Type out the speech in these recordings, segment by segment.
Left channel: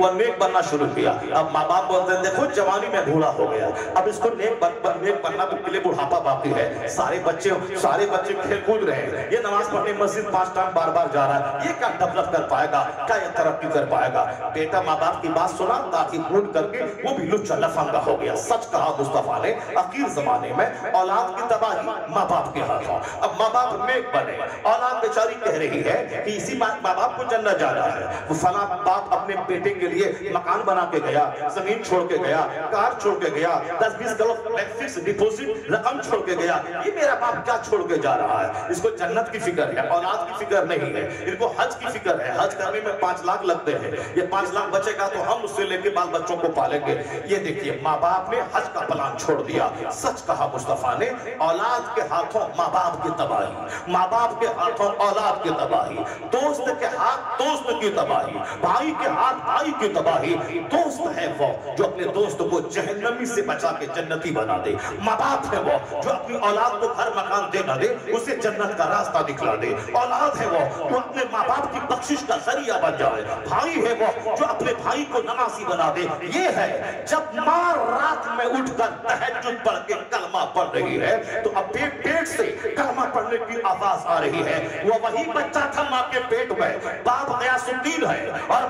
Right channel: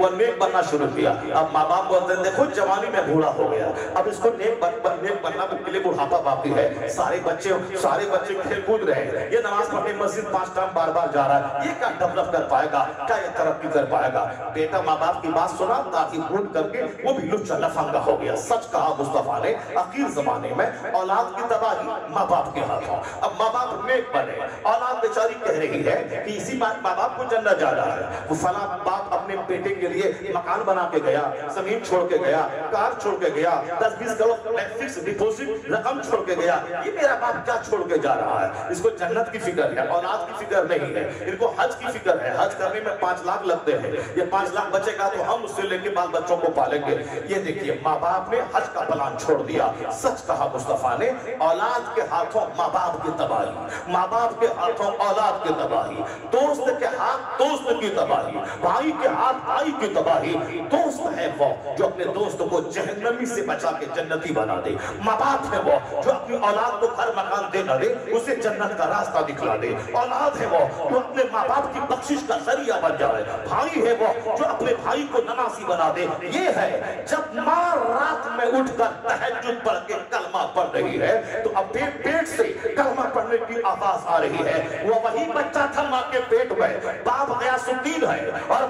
वो नेक बनना शुरू किया। अब माँ बाप बोलते हैं देखो जवानी में बूढ़ा हो गया, अब इसको नेक बनना के लिए बुढ़ापा बाकी है, सारे बच्चे खेल कूद रहे हैं, ये नमाज पढ़ने मस्जिद 5 टाइम बार जा रहा है, ये क्या डेवलप कर पाएगा, क्या ये तरक्की कर पाएगा। बेटा माँ बाप की बात सुना ताकि भूल करके वो भी लुच्चा लफंगा हो गया। सच कहा मुस्तफा ने, आखिर जमाने में औलाद की तबाही माँ बाप के हाथों। अब माँ बाप नेक बने, औलाद बेचारी कह रही है कि इसी माँ बाप को जन्नत जाना है। वो फला बाप अपने बेटे के लिए मकान बना के गया, जमीन छोड़ के गया, कार छोड़ के गया, 10-20 करोड़ फिक्स डिपॉजिट रकम छोड़ के गया। ये मेरा बाप क्या छोड़ के जा रहा है? इसको जन्नत की फिक्र है, औलाद की फिक्र नहीं है। इनको हज की फिक्र है, हज करने में 5 लाख लगते हैं, ये 5 लाख बचेगा तो हम उससे लेके बाल बच्चों को पालेंगे। ये देखिए माँ बाप ने हज का प्लान छोड़ दिया। सच कहा मुस्तफा ने, औलाद के हाथों माँ बाप की तबाही, माँ बाप के हाथों औलाद की तबाही, दोस्त के हाथ दोस्त की तबाही, भाई के हाथ भाई की तबाही। दोस्त है वो जो अपने दोस्त को जहन्नमी से बचा के जन्नती बना दे, माँ बाप है वो जो अपनी औलाद को घर मकान दे न दे, उसे जन्नत का रास्ता दिखला दे। औलाद है वो जो अपने माँ बाप की बख्शिश का जरिया बन जाए। भाई है वो जो अपने भाई को नमाजी बना दे। ये है जब माँ रात में उठकर तहज्जुद पढ़ के कलमा पढ़ रही है तो अब पेट से कलमा पढ़ने की आवाज आ रही है। वो वही बच्चा था माँ के पेट में, बाप गयासुद्दीन है और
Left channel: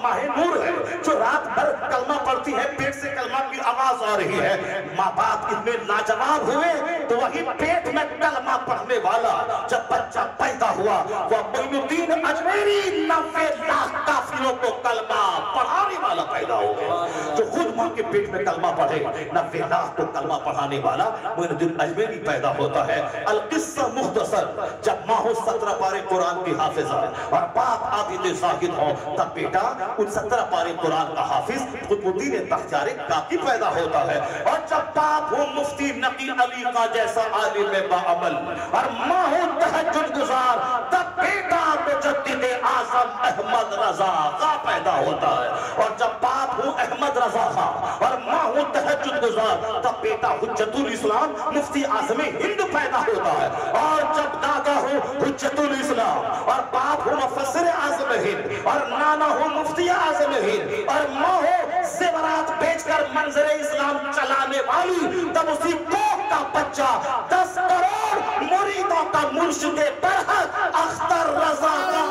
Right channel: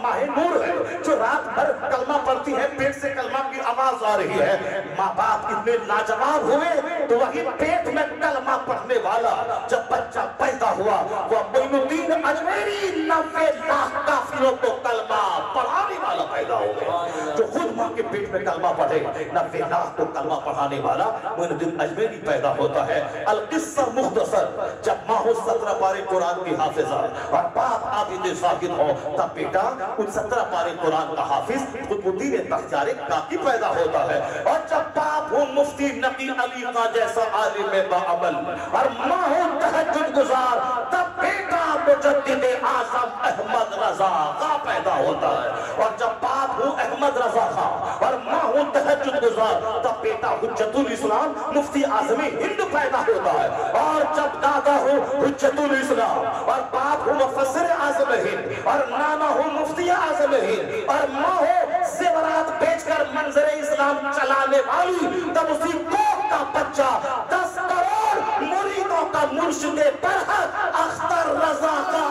माहे नूर है जो रात भर कलमा पढ़ती है, पेट से कलमा की आवाज आ रही है। माँ बाप इतने लाजवाब हुए तो वही पेट में कलमा पढ़ने वाला जब बच्चा पैदा हुआ वह मोइनुद्दीन अजमेरी 90 लाख काफिरों को कलमा पढ़ाने वाला पैदा हो गया। जो खुद माँ के पेट में कलमा पढ़े 90 लाख को कलमा पढ़ाने वाला मोइनुद्दीन अजमेरी पैदा होता है। अल किस्सा मुख्तसर, जब माँ हो 17 पारे कुरान की हाफिजा और बाप आबिद साहिद हो तब बेटा उन 17 पारे कुरान का हाफिज कुतुबुद्दीन तख्तियारे काकी पैदा होता है। और जब बाप हो मुफ्ती नकी अली का जैसा आलिम बाअमल और माँ हो तहज्जुद गुजार तब बेटा मुजद्दिद आज़म अहमद रजा का पैदा होता है। और जब बाप हो अहमद रजा का और माँ हो तहज्जुद गुजार तब बेटा हुज्जतुल इस्लाम मुफ्ती आज़मी हिंद पैदा होता है। और जब दादा हो हुज्जतुल इस्लाम और बाप हो मुफस्सिर आज़म हिंद और नाना हो मुफ्ती आज़म हिंद और माँ हो ज़ेवरात बेचकर मंजर इस्लाम चलाने वाली, तब उसी कौम का बच्चा 10 करोड़ मुरीदों का मुर्शिद बरहक अख्तर रजा का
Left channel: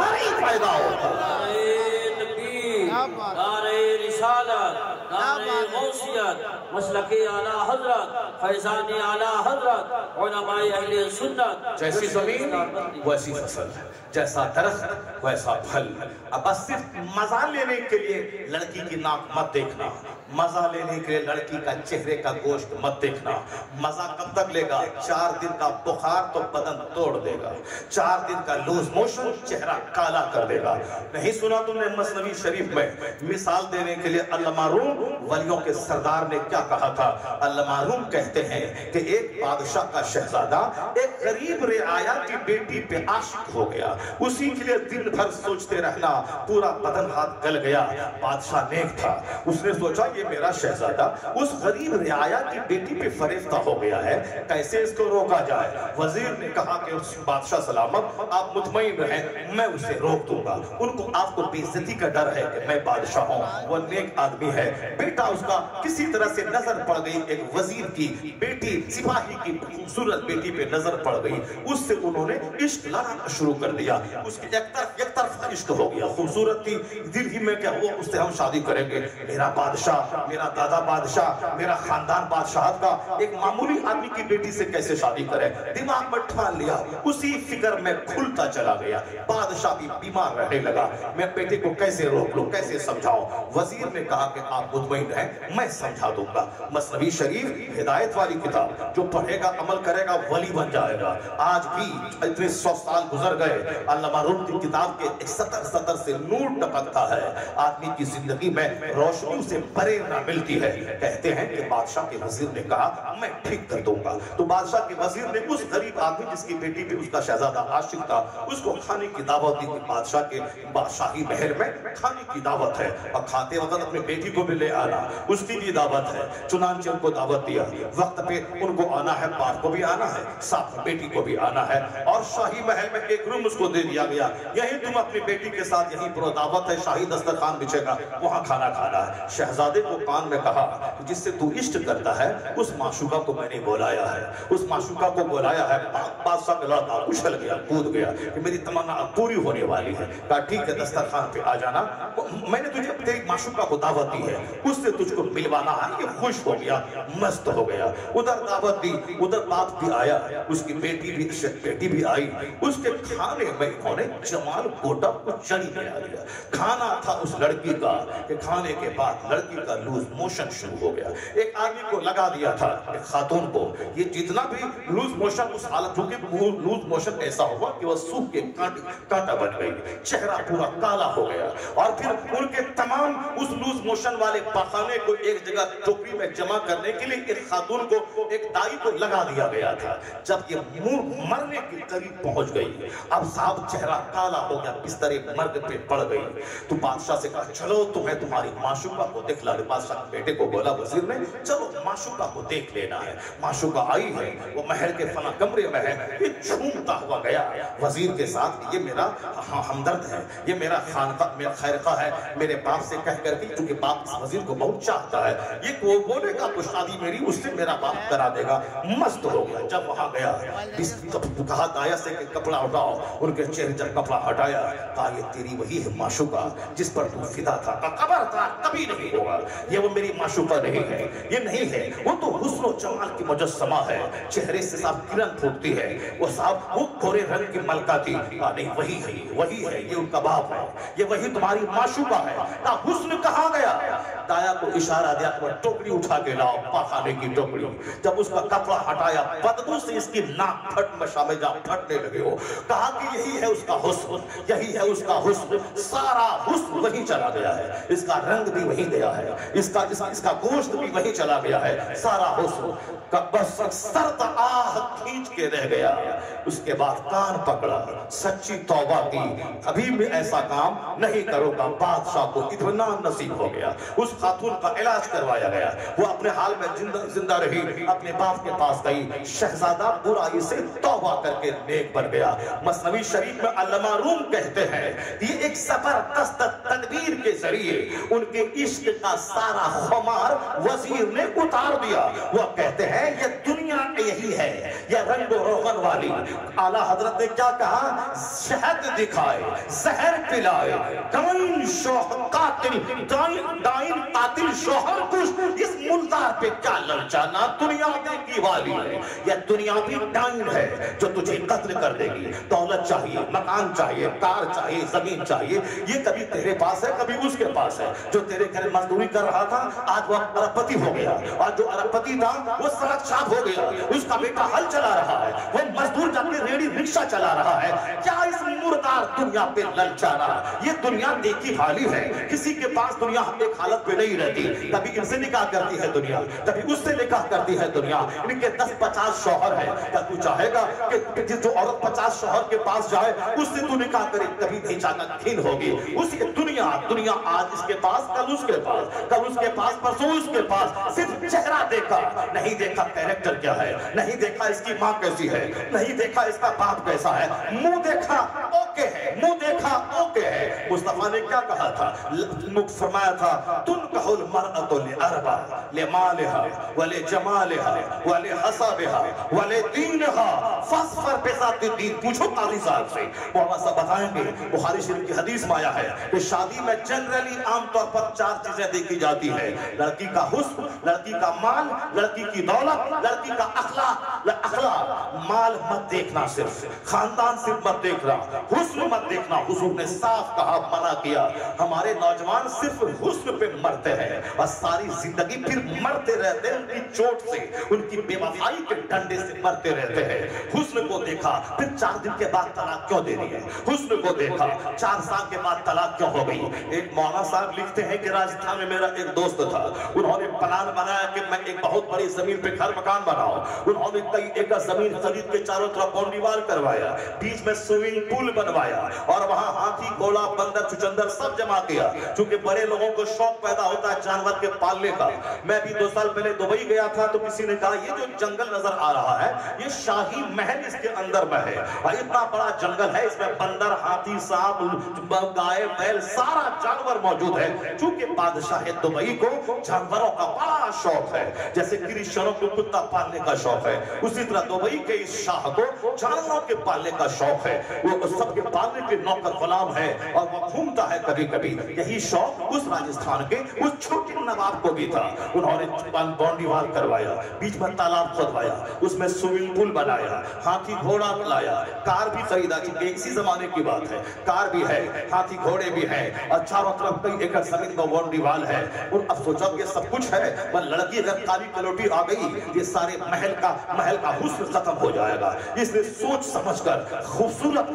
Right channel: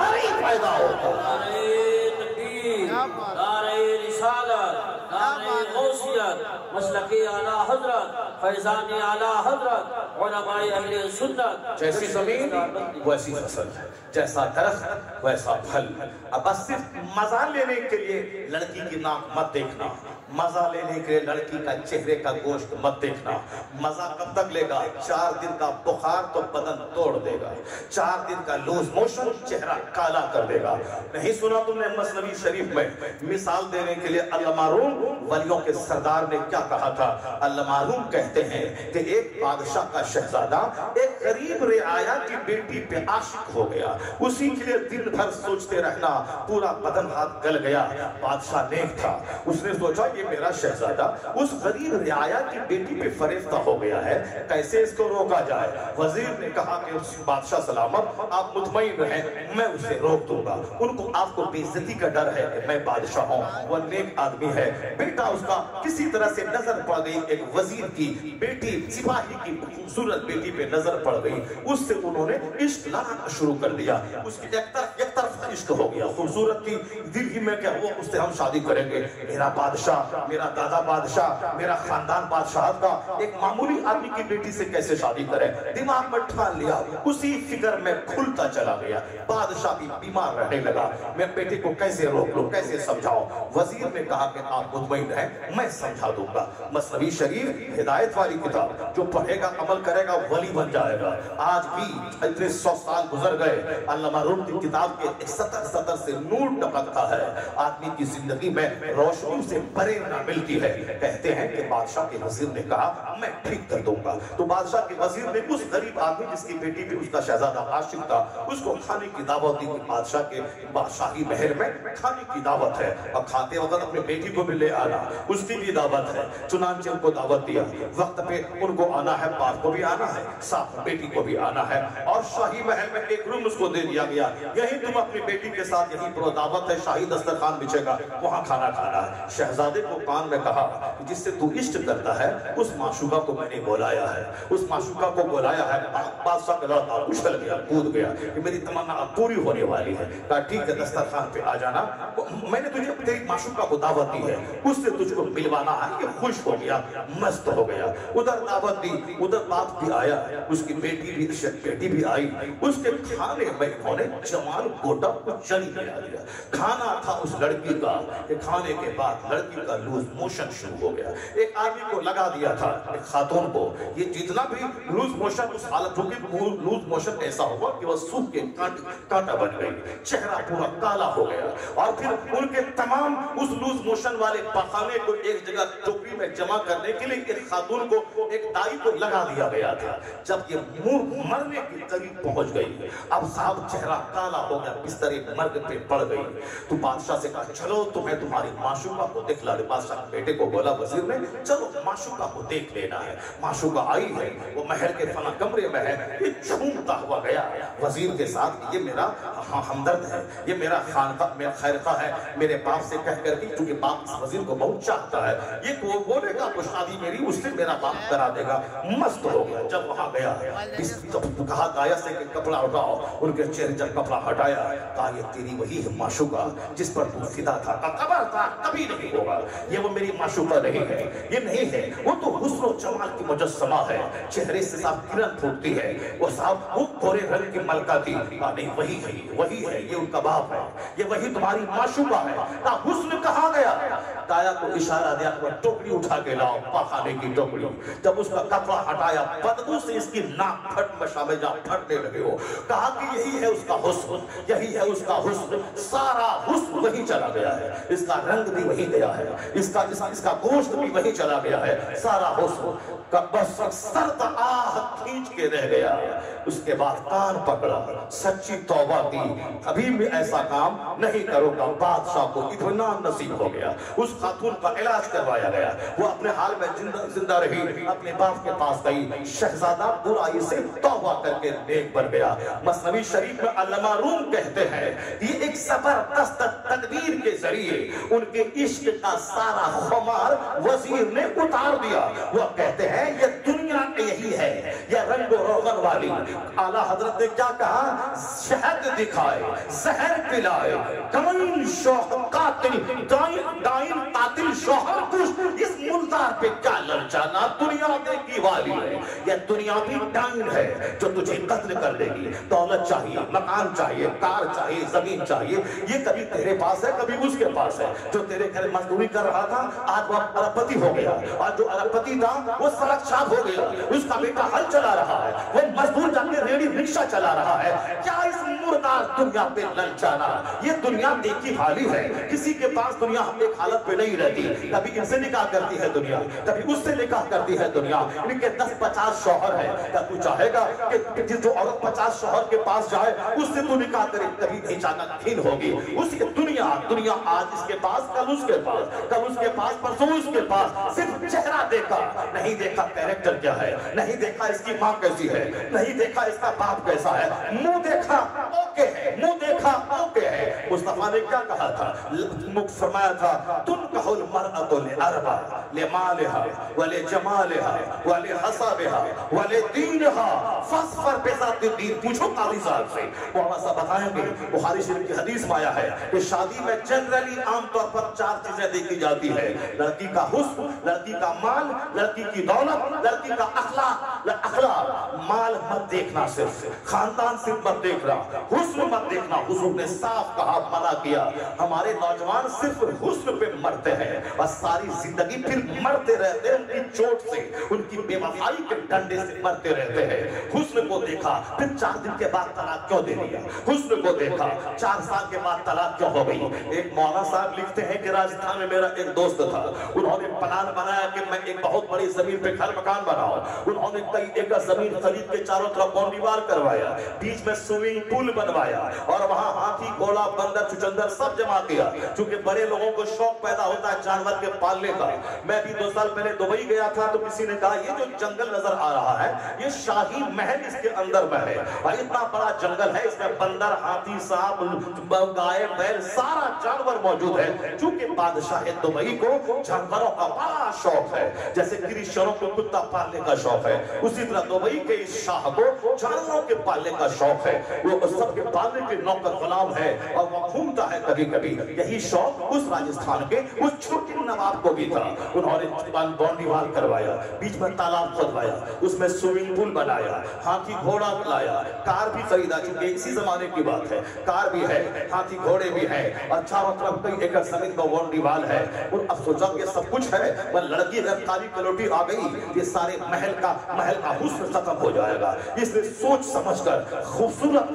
हरी पैदा होता है। मसलके आला हजरत, फैज़ाने आला हजरत, उलमाए अहले सुन्नत। जैसी जमीन वैसी फसल, जैसा दरख्त वैसा फल। अब बस सिर्फ मजा लेने के लिए लड़की की नाक मत देखना, मजा लेने के लिए लड़की का चेहरे का गोश्त मत देखना। मजा कब तक लेगा? 4 दिन का बुखार तो बदन तोड़ देगा, 4 दिन का लूज मोशन चेहरा काला कर देगा। नहीं सुना तुमने मसनवी शरीफ में मिसाल देने के लिए अल्लामा रूम वलियों के सरदार ने क्या कहा था? अल्लामा रूम कहते हैं कि एक बादशाह का शहजादा एक गरीब रियाया की बेटी पे आशिक हो गया, उसी के लिए दिन भर सोचते रहना, पूरा बदन हाथ गल गया। बादशाह नेक था, उसने सोचा ये मेरा शहजादा उस गरीब रियाया की बेटी पे फरेफ्ता हो गया है, कैसे इसको रोका जाए? वजीर ने कहा कि बादशाह सलामत आप मुतमईन रहें, मैं उसे रोक दूंगा। उनको आपको बेइज्जती का डर है कि मैं बादशाह हूँ, वो नेक आदमी है। बेटा उसका किसी तरह से नजर पड़ गई, एक वजीर की बेटी सिपाही की खूबसूरत बेटी पे नजर पड़ गई, उससे उन्होंने इश्क लाना शुरू कर दिया। उसकी एक तरफ इश्क हो गया, खूबसूरत थी, दिल ही में क्या हुआ उससे हम शादी करेंगे। मेरा बादशाह, मेरा दादा बादशाह, मेरा खानदान बादशाह का एक मामूली आदमी की बेटी से कैसे शादी करें? दिमाग में ठान लिया, उसी फिक्र में खुलता चला गया। बादशाह भी बीमार रहने लगा, मैं बेटे को कैसे रोक लूं, कैसे समझाऊं? वजीर ने कहा कि आप मुतमईन रहें, मैं समझा दूंगा। मसनवी शरीफ हिदायत वाली किताब, जो पढ़ेगा अमल करेगा वली बन जाएगा। आज भी इतने 100 साल गुजर गए, अल्लामा रूम की किताब के 70 से नूर टपकता है। आदमी की जिंदगी में रोशनी से प्रेरणा मिलती है। कहते हैं कि बादशाह के वजीर ने कहा मैं ठीक कर दूंगा। तो बादशाह के वजीर ने उस गरीब आदमी जिसकी बेटी पे उसका शहजादा आशिक था, उसको खाने की दावत दी। बादशाह के बादशाही महल में खाने की दावत है और खाते वक्त अपनी बेटी को भी ले आना, उसकी भी दावत है। चुनांचे उनको दावत दिया, वक्त पे उनको आना है, बाप को भी आना है, साथ बेटी को भी आना है। और शाही महल में एक रूम उसको दे दिया गया, यही तुम अपनी बेटी के साथ यहीं पर दावत है, शाही दस्तरखान बिछेगा, वहां खाना खाना है। शहजादे को कान में कहा जिससे तू इष्ट करता है उस माशूका को मैंने बुलाया है, उस माशूका को बुलाया है। बादशाह का लड़का उछल गया, कूद गया कि मेरी तमन्ना अब पूरी होने वाली है। कहा ठीक है दस्तरखान पे आ जाना, मैंने तुझे तेरी माशूका को दावत दी है, उससे तुझको मिलवाना है। ये खुश हो गया, मस्त हो गया, उधर दावत दी, उधर बाप भी आया, उसकी बेटी भी आई। उसके खाने में उन्होंने जमाल गोटा को चली बना दिया। खाना था उस लड़की का कि खाने के बाद लड़की का लूज मोशन शुरू हो गया। एक आदमी को लगा दिया था, एक खातून को, ये जितना भी लूज मोशन उस हालत होगी, लूज मोशन ऐसा हुआ कि वह सूख के कांटा बन गई, चेहरा पूरा काला हो गया। और फिर उनके तमाम उस लूज मोशन वाले पखाने को एक जगह टोकरी में जमा करने के लिए एक खातून को, एक दाई को लगा दिया गया था। जब ये मुंह मरने के करीब पहुंच गई, अब साहब चेहरा काला हो गया, बिस्तर मर्द पे पड़ गई। तो बादशाह से कहा चलो तुम्हें तुम्हारी माशूका को दिखला दे। बादशाह बेटे को बोला वजीर ने, चलो माशूका को देख लेना है। माशूका आई है, वो महल के फना कमरे में है, ये झूमता हुआ गया वजीर के साथ, ये मेरा हमदर्द है, ये मेरा खानका, मेरा खैरखा है, मेरे बाप से कह करके, क्योंकि बाप इस वजीर को बहुत चाहता है, ये बोलेगा तो शादी मेरी उससे मेरा बाप करा देगा। मस्त हो गया। जब वहां गया, कहा दाया से कपड़ा हटाओ, उनके चेहरे जब कपड़ा हटाया, कहा ये तेरी वही है माशूका जिस पर तू फिदा था, खबर था कभी नहीं होगा, ये वो मेरी माशूका नहीं है, ये नहीं है, वो तो हुस्न और जमाल की मुजस्समा है, चेहरे से साफ किरण फूटती है, वो साफ वो गोरे रंग की मलका थी। नहीं वही है, वही है, ये उनका बाप है, ये वही तुम्हारी माशूका है। कहा हुस्न कहाँ गया? दाया को इशारा दिया, टोकरी उठा के लाओ, पाखाने की टोकरी। जब उसका कपड़ा हटाया, बदबू से इसकी नाक फट में जा फटने लगे हो। कहा कि यही है उसका हुस्न, यही है उसका हुस्न, सारा हुस्न वही चला गया है, इसका रंग भी वही गया है, इसका गोश्त भी वही चला गया है, सारा हुस्न का बस सर्द आह खींच के रह गया। उसके बाद कान पकड़ा, सच्ची तौबा की, कभी भी ऐसा काम नहीं करूंगा। बादशाह को इतना नसीब हो गया, उस खातून का इलाज करवाया गया, वो अपने हाल में जिंदा रही, अपने बाप के पास गई, शहजादा बुराई से तौबा करके नेक बन गया। मसनवी शरीफ में अल्लामा रूम कहते हैं ये एक जबरदस्त तदबीर के जरिए उनके इश्क का सारा खुमार वजीर ने उतार दिया। वह कहते हैं ये दुनिया यही है, ये रंगो रोगन वाली। आला हजरत ने क्या कहा? शहद दिखाए, जहर पिलाए, डाइन कातिल शोहर कुछ, इस मुल्तार पे क्या ललचाना, दुनिया देखी वाली है, यह दुनिया भी डाइन है जो तुझे कत्ल कर देगी। दौलत चाहिए, मकान चाहिए, कार चाहिए, जमीन चाहिए, ये कभी तेरे पास है कभी उसके पास है। जो तेरे घर मजदूरी कर रहा था आज वह अरबपति हो गया, और जो अरबपति था वो सड़क छाप हो गया, उसका बेटा हल चला रहा है, वो मजदूर जाके रेडी रिक्शा चला रहा है। क्या इस मुर्दार दुनिया पे ललचाना? ये दुनिया देखी हाली है, किसी के पास दुनिया एक हालत पे नहीं रहती, कभी इनसे निकाह करती है दुनिया, कभी उससे निकाह करती है दुनिया। इनके 10-50 शौहर है, क्या तू चाहेगा कि जो औरत 50 शौहर के पास जाए उससे तू निकाह करे? कभी नहीं चाहता, खीन होगी। उसकी दुनिया आज इसके पास, कल उसके पास, कल उसके पास, परसों उसके पास। सिर्फ चेहरा देखा, नहीं देखा कैरेक्टर क्या है, नहीं देखा इसकी माँ कैसी है, नहीं देखा इसका बाप कैसा है। मुंह देखा ओके है, मुंह देखा ओके है। मुस्तफा ने क्या कहा था? फरमाया था तुम कहो मरअतु लिअरबा लिमालिहा वले जमालिहा वले हसबिहा वले दीनहा फस्फर बिज़ाति दीन। पूछो काजी साहब से, मोहम्मद साहब बताएंगे, बुखारी शरीफ की हदीस में आया है कि शादी में जनरली आमतौर पर 4 चीजें देखी जाती है, लड़की का हुस्न, लड़की का माल, लड़की की दौलत, लड़की का अखलाक। माल मत देखना, सिर्फ खानदान सिर्फ मत देखना, हुस्न मत देखना। हुजूर ने साफ कहा, मना किया। हमारे नौजवान सिर्फ हुस्न पे मरते हैं और सारी जिंदगी फिर मरते रहते हैं, उनकी चोट से, उनकी बेवफाई के डंडे से मरते रहते हैं। हुस्न को देखा, फिर 4 दिन के बाद तलाक क्यों दे रही है? हुस्न को देखा, 4 साल के बाद तलाक क्यों हो गई? एक मौलाना साहब लिखते हैं कि राजस्थान में मेरा एक दोस्त था, उन्होंने प्लान बनाया कि मैं एक बहुत बड़ी जमीन पे घर मकान बनाऊं। उन्होंने कई एकड़ जमीन खरीद के चारों तरफ बाउंड्री वाल करवाया, बीच में स्विमिंग पूल बनवाया और वहां हाथी घोड़ा बंदर चुचंदर सब जमा किया। क्योंकि बड़े लोगों को शौक पैदा होता है जानवर के पालने का। मैं भी 2 साल पहले दुबई गया था तो किसी ने कहा ये जो जंगल नजर आ रहा है ये शाही महल इसके अंदर में है। इतना बड़ा जंगल है, इसमें बंदर हाथी सांप गाय बैल सारा जानवर मौजूद है। क्योंकि बादशाह दुबई को जानवरों का बड़ा शौक है, जैसे क्रिश्चियनों को कुत्ता पालने का शौक है, उसी तरह दुबई के इस शाह को जानवरों के पालने का शौक है। वो सबके पालने के नौकर गुलाम है और वो घूमता है कभी कभी। यही शौक उस राजस्थान के उस छोटे नवाब को भी था। उन्होंने बाउंड्री वाल करवाया, बीच में तालाब खुदवाया, उसमें स्विमिंग पूल बनाया, हाथी घोड़ा लाया, कार भी खरीदा। इसी जमाने की बात है, कार भी है, हाथी घोड़े भी है और चारों तरफ कई एकड़ जमीन पर बाउंड्री वाल है। और अब सोचा ये सब कुछ है, वह लड़की अगर काली कलोटी आ गई ये सारे महल का हुस्न खत्म हो जाएगा। इसलिए सोच समझकर खूबसूरत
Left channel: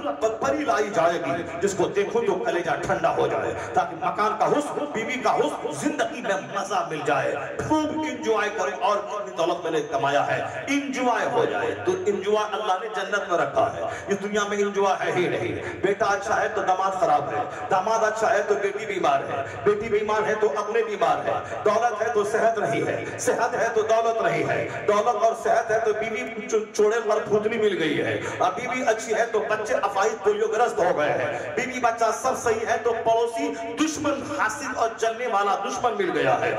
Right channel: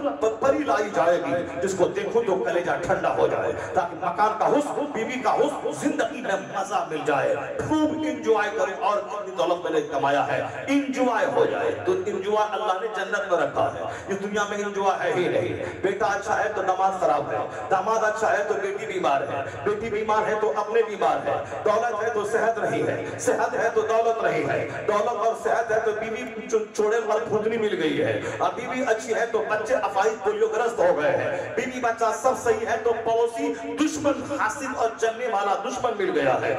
परी लाई जाएगी जिसको देखो तो कलेजा ठंडा हो जाए, ताकि मकान का हुस्न, बीवी का हुस्न, जिंदगी में मजा मिल जाए, खूब इंजॉय करें और अपनी दौलत मैंने कमाया है इंजॉय हो जाए। तो इंजॉय अल्लाह ने जन्नत में रखा है, इस दुनिया में इंजॉय है ही नहीं। बेटा अच्छा है तो दामाद खराब है, दामाद अच्छा है तो बेटी बीमार है, बेटी बीमार है तो अपने बीमार है, दौलत है तो सेहत नहीं है, सेहत है तो दौलत नहीं है, दौलत और सेहत है तो बीवी चोड़े वाली फुदनी मिल गई है, और बीवी अच्छी है तो बच्चे अफाइज पोलियोग्रस्त हो गए हैं, बीवी बच्चा सब सही है तो पड़ोसी दुश्मन हासिद और जलने वाला दुश्मन मिल गया है,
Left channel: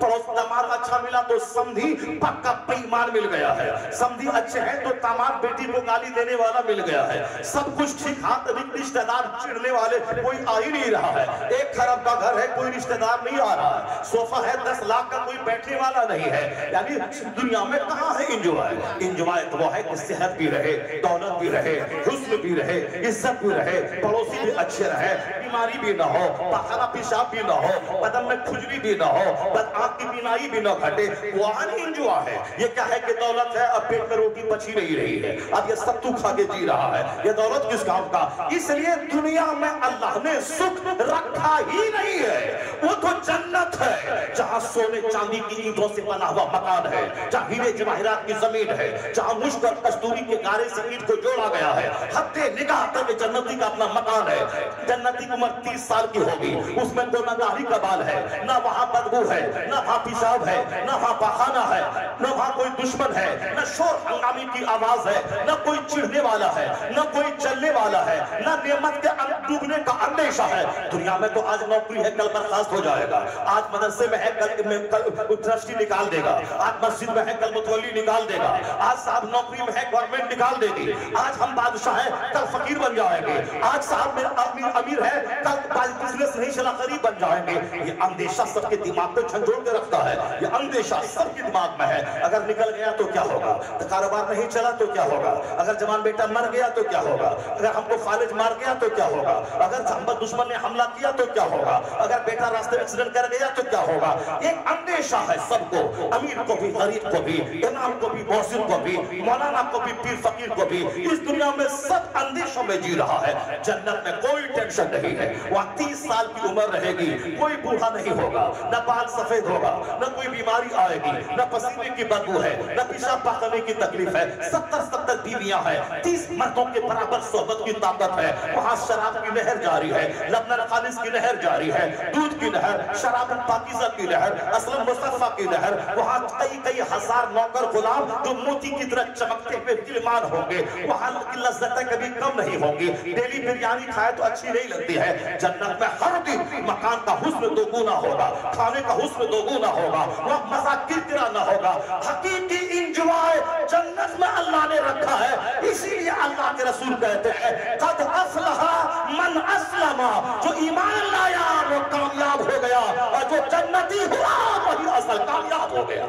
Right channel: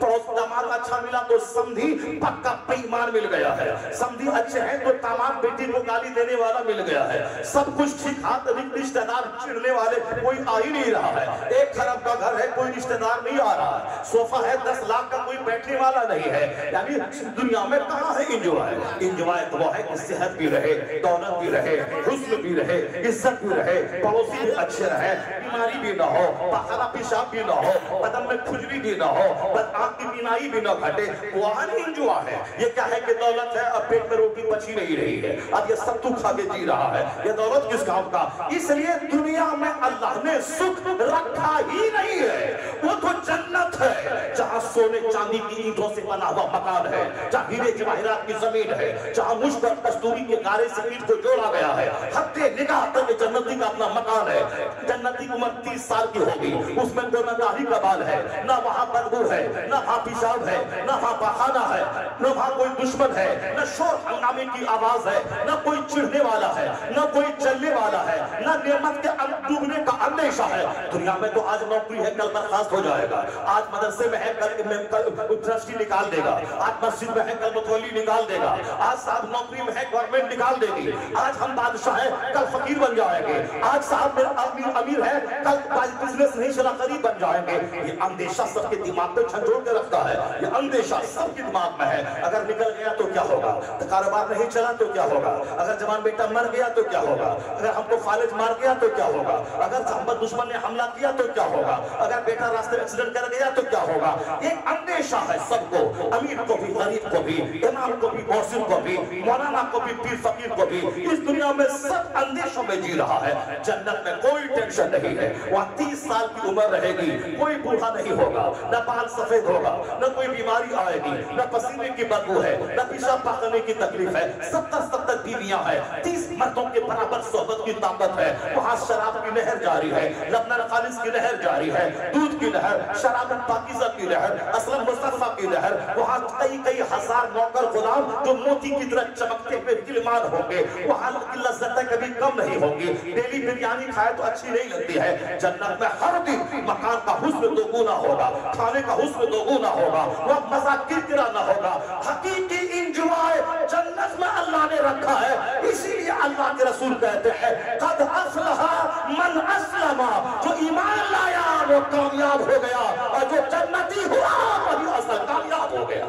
पड़ोस दामाद अच्छा मिला तो समधी पक्का बेईमान मिल गया है, समधी अच्छे हैं तो दामाद बेटी को गाली देने वाला मिल गया है, सब कुछ ठीक हाथ रिश्तेदार चिढ़ने वाले कोई आ ही नहीं रहा है, 1 खरब का घर है कोई रिश्तेदार नहीं आ रहा है, सोफा है 10 लाख का कोई बैठने वाला नहीं है। यानी दुनिया में कहां है इंजॉय? इंजॉय तो वो है कि सेहत भी रहे, दौलत भी रहे, हुस्न भी रहे, इज्जत भी रहे, पड़ोसी भी अच्छे रहे, बीमारी भी ना हो, पखाना पेशाब भी ना हो, बदन में खुजली भी ना हो, आंख की बीमारी भी ना घटे, वहां इंजॉय है। ये क्या है कि दौलत है अब पेट में रोटी बची नहीं रही है, अब ये सब तू खा के जी रहा है, ये दौलत किस काम का? इसलिए दुनिया में अल्लाह ने सुख रखा ही नहीं है। वो तो जन्नत है जहां सोने चांदी की ईंटों से बना हुआ मकान है, जहां हीरे जवाहरात की जमीन है, जहां मुश्क और कस्तूरी के गारे से ईंट को जोड़ा गया है, हत्ते निगाह तक जन्नती का अपना मकान है। जन्नती की उम्र 30 साल की होगी, उसमें कोई मदाही का बाल है, ना वहां बदबू है, ना वहां पेशाब है, ना वहां बहाना है, ना वहां कोई दुश्मन है, ना शोर हंगामे की आवाज है, ना कोई चिढ़ने वाला है, ना कोई चलने वाला है, ना नेमत के डूबने का अंदेशा है। दुनिया में तो आज नौकरी है कल बर्खास्त हो जाएगा, आज मदरसे में है कल ट्रस्टी निकाल देगा, आज मस्जिद में है कल मुतवल्ली निकाल देगा, आज साहब नौकरी में है गवर्नमेंट निकाल देगी, आज हम बादशाह है कल फकीर बन जाएंगे, आज साहब मेरा आदमी अमीर है कल बिजनेस नहीं चला गरीब बन जाएंगे। ये अंदेशा सबके दिमाग को झंझोड़ के रखता है, ये अंदेशा सबके दिमाग में है। अगर निकल गया तो क्या होगा, तो कारोबार नहीं चला तो क्या होगा, अगर जवान बेटा मर गया तो क्या होगा, अगर हमको खालिद मार गया तो क्या होगा, अगर मोहम्मद दुश्मन ने हमला किया तो क्या होगा, अगर बेटा रास्ते में एक्सीडेंट कर गया तो क्या होगा। एक अंदेशा है सबको, अमीर को भी, गरीब को भी, इमाम को भी, मौसिम को भी, मौलाना को भी, पीर फकीर को भी। इस दुनिया में सब अंदेशों में जी रहा है। जन्नत में कोई टेंशन नहीं है, वहाँ 30 साल की उम्र रहेगी, कोई बूढ़ा नहीं होगा, न बाल सफेद होगा, न कोई बीमारी आएगी, न पसीने की बदबू है, न पेशाब पाखने की तकलीफ है। 70 बीवियां हैं, 30 मर्दों के बराबर सोहबत की ताकत है। वहाँ शराब की नहर जारी है, लबनन खालिस की नहर जारी है, दूध की नहर, शराब पाकीज़ा की नहर, असलन मुस्तफा की नहर। वहाँ कई हजार नौकर गुलाम जो मोती की तरह चमकते हुए गिलमान होंगे। वहाँ की लज्जतें कभी कम नहीं होंगी। डेली बिरयानी खाए तो अच्छी नहीं लगती है। जन्नत में हर दिन मकान का हुस्न दोगुना होगा, खाने का हुस्न दोगुना होगा, वहाँ मजा किरकिरा ना होगा। हकीकी इंजॉय जन्नत में अल्लाह ने रखा है। इसीलिए अल्लाह के रसूल कहते हैं कद अफलहा मन अस्लमा, जो ईमान लाया वो कामयाब हो गया, और जो जन्नती हुआ वही असल कामयाब हो गया।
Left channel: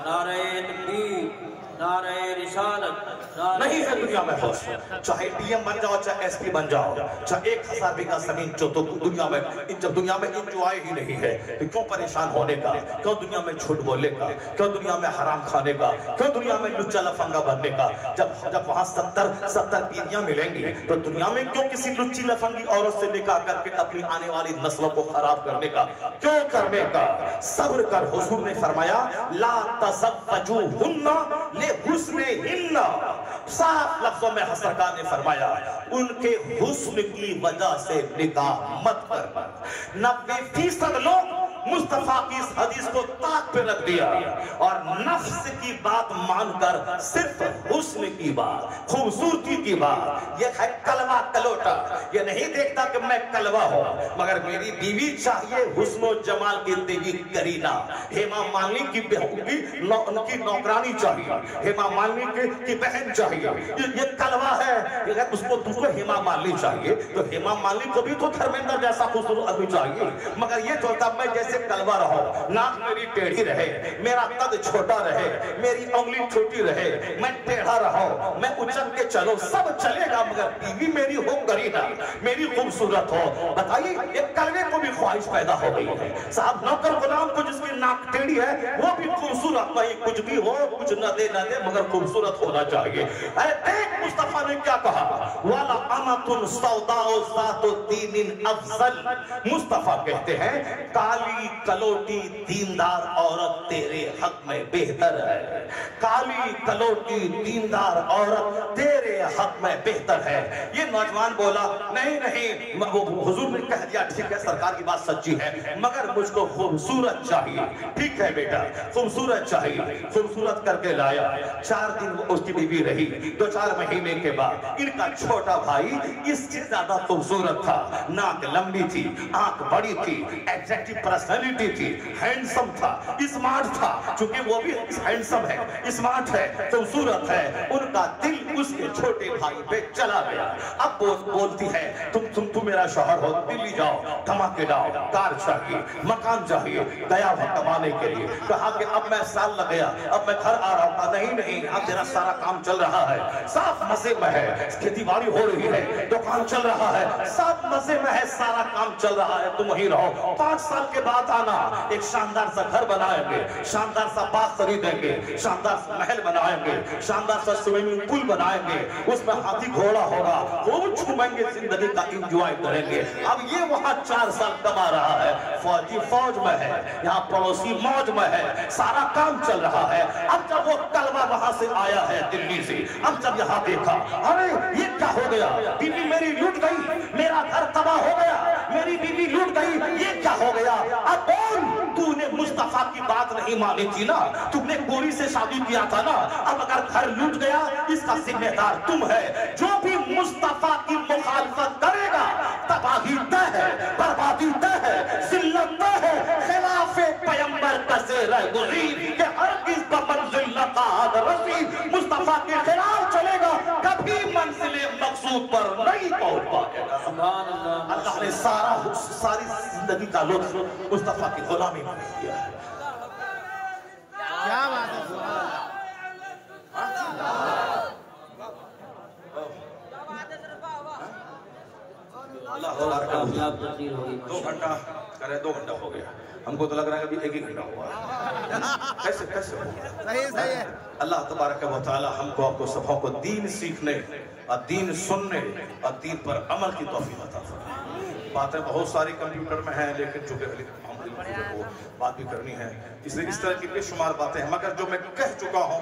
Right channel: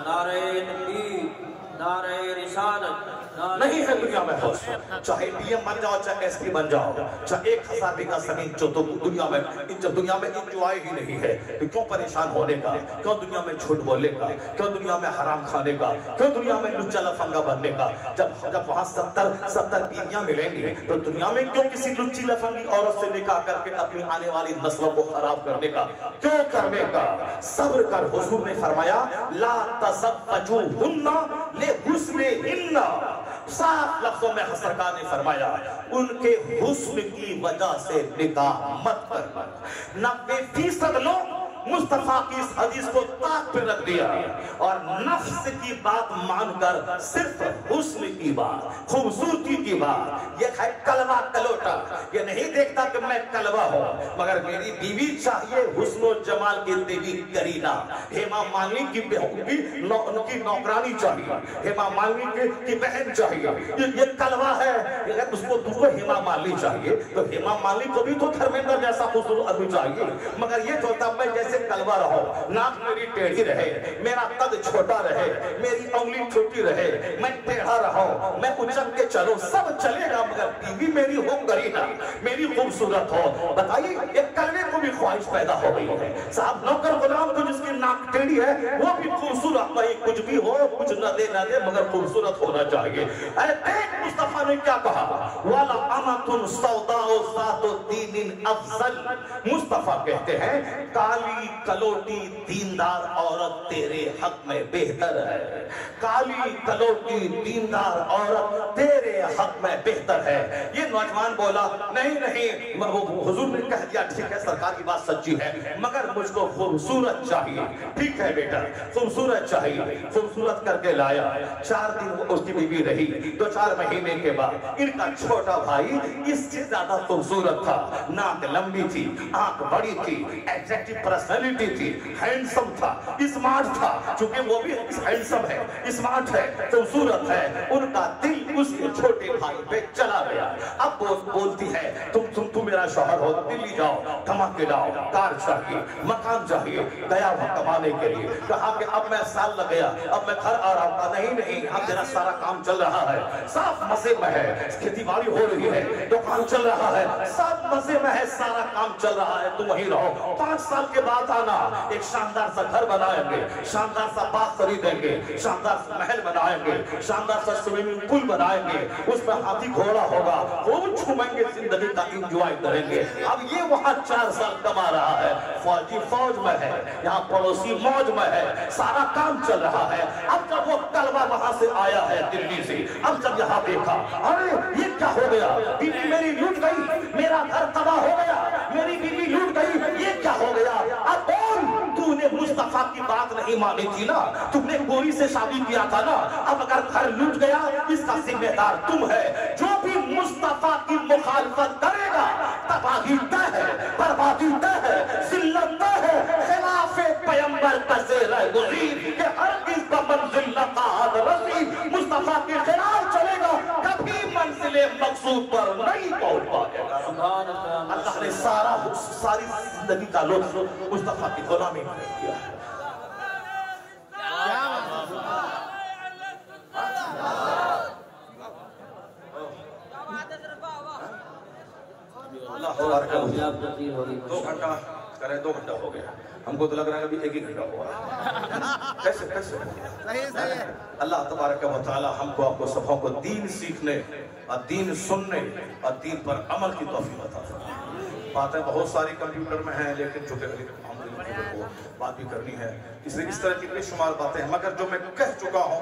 नारे तकबीर, नारे रिसालत। नहीं है दुनिया में होश। चाहे डीएम बन जाओ, चाहे एसपी बन जाओ, चाहे 1000 बीघा जमीन जो तो दुनिया में, जब दुनिया में इंजॉय ही नहीं है तो क्यों परेशान होने का, क्यों दुनिया में झूठ बोलने का, क्यों दुनिया में हराम खाने का, क्यों दुनिया में लुच्चा लफंगा बनने का। जब वहां 70 बीवियां मिलेंगी तो दुनिया में क्यों किसी लुच्ची लफंगी औरत से निकाह करके अपनी आने वाली नस्लों को खराब करने का, क्यों करने का। सब्र कर। हुजूर ने फरमाया ला तज़व्वजुहुन्ना लिहुस्निहिन्ना। साफ लफ्जों में सरकार ने फरमाया उनके हुस्न की वजह से निकाह मत करना। 90% लोग मुस्तफा की इस हदीस को ताक पे रख दिया और नफ्स की बात मानकर सिर्फ हुस्न की बात, खूबसूरती की बात, ये है कलवा कलोटा। ये नहीं देखता कि मैं कलवा हूं, मगर मेरी बीवी चाहिए हुस्न जमाल की देवी करीना। हेमा मालिनी की नौकरानी चाहिए, हेमा मालिनी की बहन चाहिए। ये कलवा है। अगर उसको हेमा मालिनी चाहिए तो हेमा मालिनी को भी तो धर्मेंद्र जैसा खूबसूरत आदमी चाहिए। मगर ये सोचता मैं जैसे कलवा रहो, नाक मेरी टेढ़ी रहे, मेरा कद छोटा रहे, मेरी उंगली छोटी रहे, मैं टेढ़ा रहो, मैं उछल के चलो, सब चलेगा, मगर बीवी मेरी हो करीना, मेरी खूबसूरत हो। बताइए ये कलवे को भी ख्वाहिश पैदा हो गई है। साहब नौकर गुलाम को जिसकी नाक टेढ़ी है वो भी खूबसूरत, भाई कुछ भी हो, कुछ न दे मगर खूबसूरत होना चाहिए। देख मुस्तफा ने क्या कहा, वाला अमतुन सौदाओ ज़ातु दीनिन अफज़ल। मुस्तफा कहते हैं काली कलोटी दीनदार औरत तेरे हक में बेहतर है। काली कलोटी दीनदार औरत तेरे हक में बेहतर है। ये नौजवान बोला नहीं हुजूर ने कह दिया ठीक है सरकार की बात सच्ची है, मगर मुझको खूबसूरत चाहिए। ठीक है बेटा खूबसूरत चाहिए, खूबसूरत करके लाया। 4 दिन उसकी बीवी रही। 2-4 महीने के बाद इनका छोटा भाई इससे ज्यादा खूबसूरत था। नाक लंबी थी, आंख बड़ी थी, एग्जैक्टिव पर्सनालिटी थी, हैंडसम था, स्मार्ट था। क्योंकि वो भी हैंडसम है, स्मार्ट है, खूबसूरत है। उनका दिल उसके छोटे भाई पे चला गया। अब वो बोलती है तुम मेरा शौहर हो, दिल्ली जाओ, धमाके लाओ, कार चाहिए, मकान चाहिए। गया वहां कमाने के लिए। कहा कि अब मैं साल लग गया, अब मैं घर आ रहा हूँ। नहीं अब तेरा सारा काम चल रहा है, साफ मजे में है, खेती बाड़ी हो रही है, दुकान चल रहा है, सब मजे में है, सारा काम चल रहा है, तुम वहीं रहो। 5 साल के बाद आना, एक शानदार सा घर बनाएंगे, शानदार सा बाग खरीदेंगे, शानदार सा महल बनाएंगे, शानदार सा स्विमिंग पूल बनाएंगे, उसमें हाथी घोड़ा होगा, खूब घूमेंगे, जिंदगी का एंजॉय करेंगे। अब ये वहां 4 साल कमा रहा है, फौजी फौज में है, यहाँ पड़ोसी मौज में है, सारा काम चल रहा है। अब जब वो कलवा वहां से आया है दिल्ली से, अब जब यहाँ देखा अरे ये क्या हो गया, बीवी मेरी लूट गई, मेरा घर तबाह हो गया, मेरी बीवी लूट गई, ये क्या हो गया। अब तूने मुस्तफा की बात नहीं मानी थी ना, तुमने गोरी से शादी किया था ना, अब अगर घर लूट गया इसका जिम्मेदार तुम है। जो भी मुस्तफा की मुखालफत करेगा तबाही तय है, बर्बादी तय है, जिल्लत तय है। खिलाफे पैगंबर का सेरा गुज़ीर के हरगिज़ का मंजिल न काद रसीद। मुस्तफा के खिलाफ चलेगा कभी मंजिले मकसूद पर नहीं पहुंच पाएगा। अल्लाह ने सारी जिंदगी का लुत्फ मुस्तफा की गुलामी में किया है। दो घंटा करे, 2 घंटा हो गया, हमको तो लग रहा है अभी 1 ही घंटा हुआ है। कैसे हो गया? अल्लाह तबारक व तआला हमको आपको सबों को दीन सीखने और दीन सुनने और दीन पर अमल की तौफीक अता फरमाए। बातें बहुत सारी कंप्यूटर में हैं, लेकिन चूंकि बात भी करनी है, इसलिए इस तरह की बेशुमार बातें हैं, मगर जो मैं कह चुका हूँ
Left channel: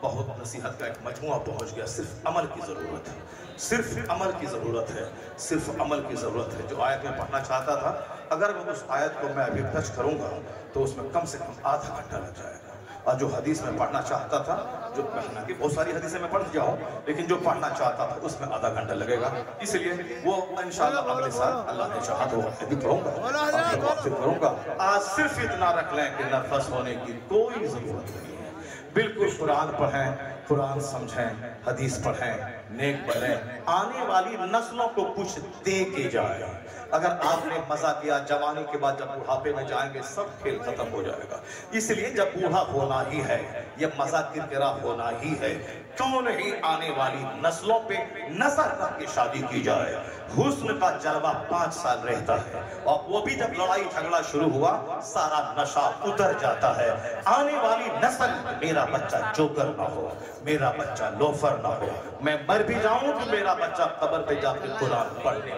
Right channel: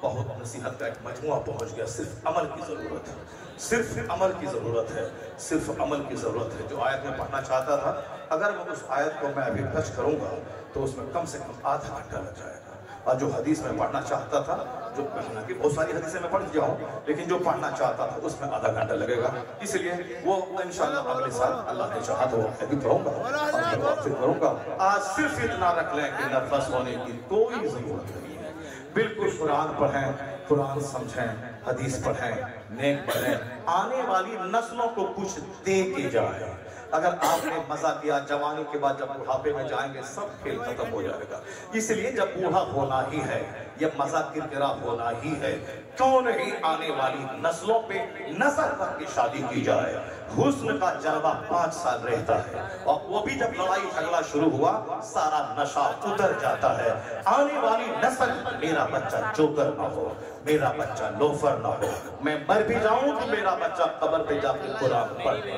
बहुत नसीहत का एक मजमुआ पहुंच गया। सिर्फ अमल की जरूरत है, सिर्फ अमल की जरूरत है, सिर्फ अमल की जरूरत है। जो आयत में पढ़ना चाहता था, अगर मैं उस आयत को मैं अभी टच करूंगा तो उसमें कम से कम आधा घंटा लग जाएगा। और जो हदीस में पढ़ना चाहता था, जो हालांकि बहुत सारी हदीसें मैं पढ़ गया हूँ, लेकिन जो पढ़ना चाहता था उसमें आधा घंटा लगेगा। इसलिए वो इंशाअल्लाह अगले साल अल्लाह ने चाहा तो अभी करूंगा। आज सिर्फ इतना रख लें कि नर्वस होने की कोई जरूरत नहीं है। बिल्कुल कुरान पढ़ें, कुरान समझें, हदीस पढ़ें, नेक बनें, आने वाली नस्लों को कुछ दे के जाए। अगर आपने मजा किया, जवानी के बाद जब बुढ़ापे में जाएंगे सब खेल खत्म हो जाएगा। इसलिए जब बूढ़ा होना ही है, ये मजा किरकिरा होना ही है, क्यों नहीं आने वाली नस्लों पे नजर रख के शादी की जाए। हुस्न का जलवा 5 साल रहता है और वो भी जब लड़ाई झगड़ा शुरू हुआ सारा नशा उतर जाता है। आने वाली नस्ल मेरा बच्चा जोकर ना हो, मेरा बच्चा लोफर ना हो, मैं मर भी जाऊं तो मेरा बच्चा कब्र पे जाकर कुरान पढ़े,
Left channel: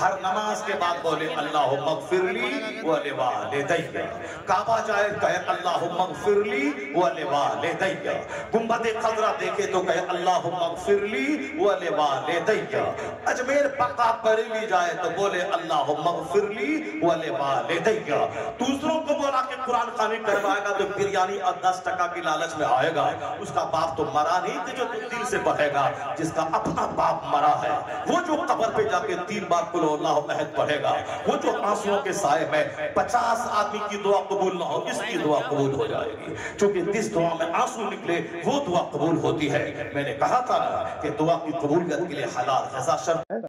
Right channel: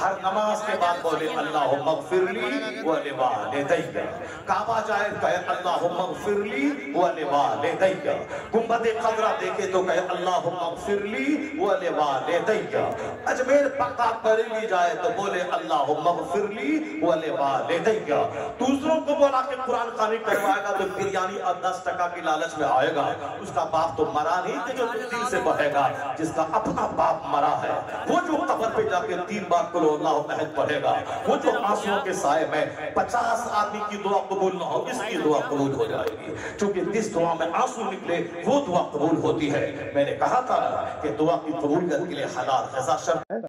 हर नमाज के बाद बोले अल्लाह मगफिरली व लिवालिदैया, काबा जाए कहे अल्लाह मगफिरली व लिवालिदैया, गुंबद खजरा देखे तो कहे अल्लाह मगफिरली व लिवालिदैया, अजमेर पक्का बरेली जाए तो बोले अल्लाह मगफिरली व लिवालिदैया। दूसरों को बोला कि कुरान खानी करवाएगा तो बिरयानी और 10% की लालच में आएगा, उसका बाप तो मरा नहीं कि जो दिल से बहेगा, जिसका अपना बाप मरा है वो जो कब्र पे जाके 3 बार कुल अल्लाह अहद पढ़ेगा, वो जो आंसुओं के साए में 50 आदमी की दुआ कबूल ना हो, इसकी दुआ कबूल हो जाएगी, क्योंकि जिस दुआ में आंसू निकले वो दुआ कबूल होती है। मैंने कहा था कि दुआ की कबूलियत के लिए हलाल ग़िज़ा शर्त है।